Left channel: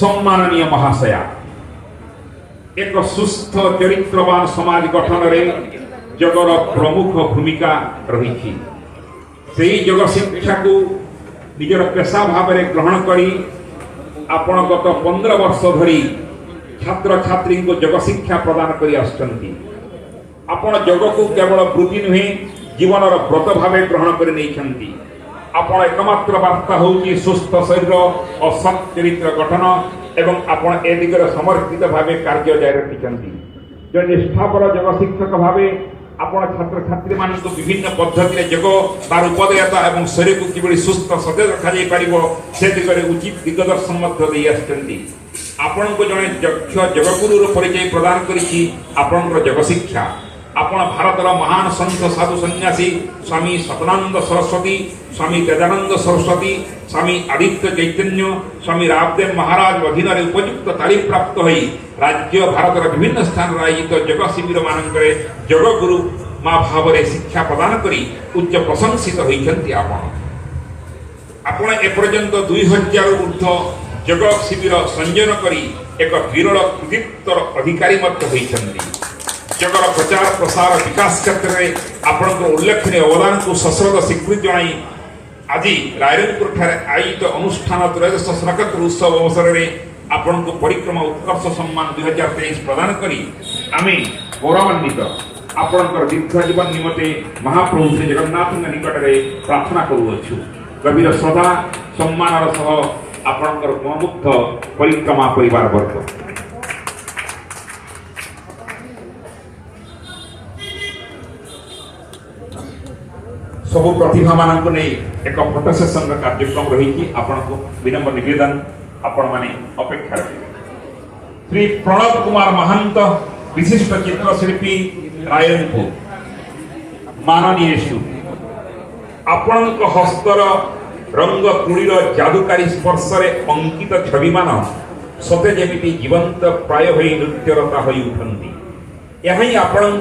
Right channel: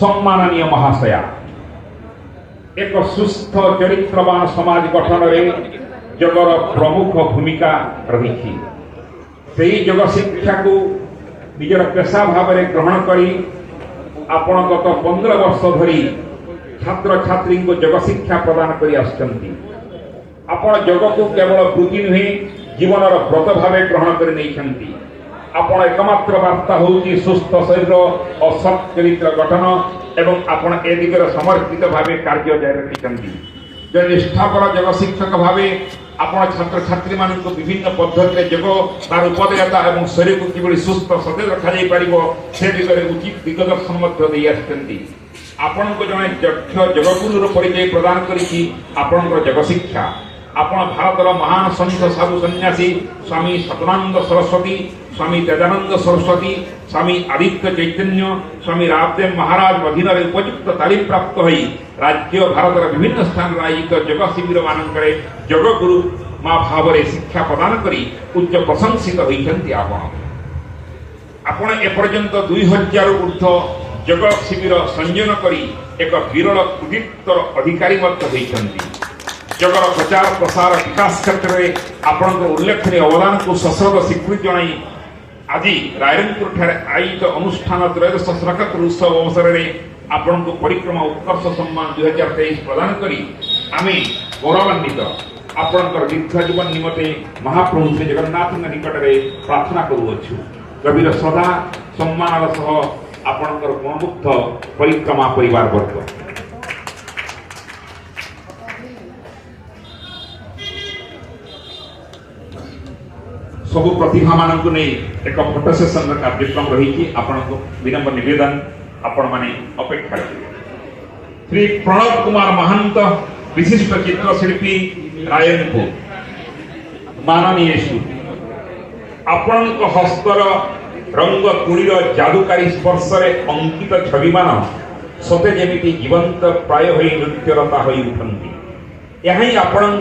सम्माननीय महाशया एक सुस्थ चरित्रवान समाज गठन में जगर प्रमुख भूमिका रही से जग शिक्षा को निजर पेशा भाव में ग्रहण करी आपण गत 15 वर्ष धरी छात्र छात्री को जग शिक्षा प्रदान कर आपण जग को केवल वृत्ति नुहे जीवन व्रत भाव ग्रहण कर नहीं आपण एकमात्र वार्ता होची सुस्थ शरीर और सत् चरित्र गठन एवं आपण ए दिगरे समर्पित भाव कार्य जारी रखिछंती जो निष्ठापर जग शिक्षक भाव आपण छात्र छात्री मान विभिन्न पद्धति जग तार उपदेयता एवं शरीर को किबड़ी सुस्थ सतेज रखा जाई परिबो से दिगरे उचित दिगदर्शन मध्य देई आछंती आपण को जने दक्ष जगगुरु परिचय प्रदान करिछि आपण जग शिक्षा आपण भारतर महान संत साधु सन्यासी स्वामी सतनानंद सरस्वती स्वामी तेजानंद सरस्वती स्वामी आदित्य चैतन्य स्वामी रामदेव महाराज अधीन उपयुक्त तालीम प्राप्त होई राज्य भारतर विभिन्न स्थान आयोजित जग शिविर मानकरे जगगुरु माँ भाव शिक्षा प्रदान करी उच्च प्रशंसित होइछंती आपण एपर्यंत 2000 ऊर्ध्व जग शिविर संयोजन करी एक विरल कृतित्व अधिकारी मत होइछंती जगर प्रचार प्रसार विकास क्षेत्र में आपण उल्लेखनीय अवदान को सश्रद्ध स्वीकृति जनाई आज रायरंगपुर ठारे आयोजित अनुष्ठान त्रयोदश स्वागत उत्सव अवसर में आपण को परिक्रमा उत्कर्ष सम्मान 2023 प्रदान करी आमे गौरवान्वित आपण दीर्घ जीवन निमते महाप्रभु श्री जगन्नाथ निकट में प्रार्थना करुअछु गभीर श्रद्धा सम्मान सह आपण गुणमुग्ध परिक्रमा परिवार वर्ग सबु प्रतिभा मानक नहीं एक फोटो सेशन कार्यक्रम रही विनम्र निवेदन आपण माने अपेक्षा श्री प्रणव कुमार महंत विशिष्ट चित्रशिल्पी रायरंगपुर माननीय आपण हस्तर रंग तुणीर जादुकारी स्पर्श अंकित छवि मान सते जेमिति जीवंत प्राय नृत्यरता हो उठती यही आपण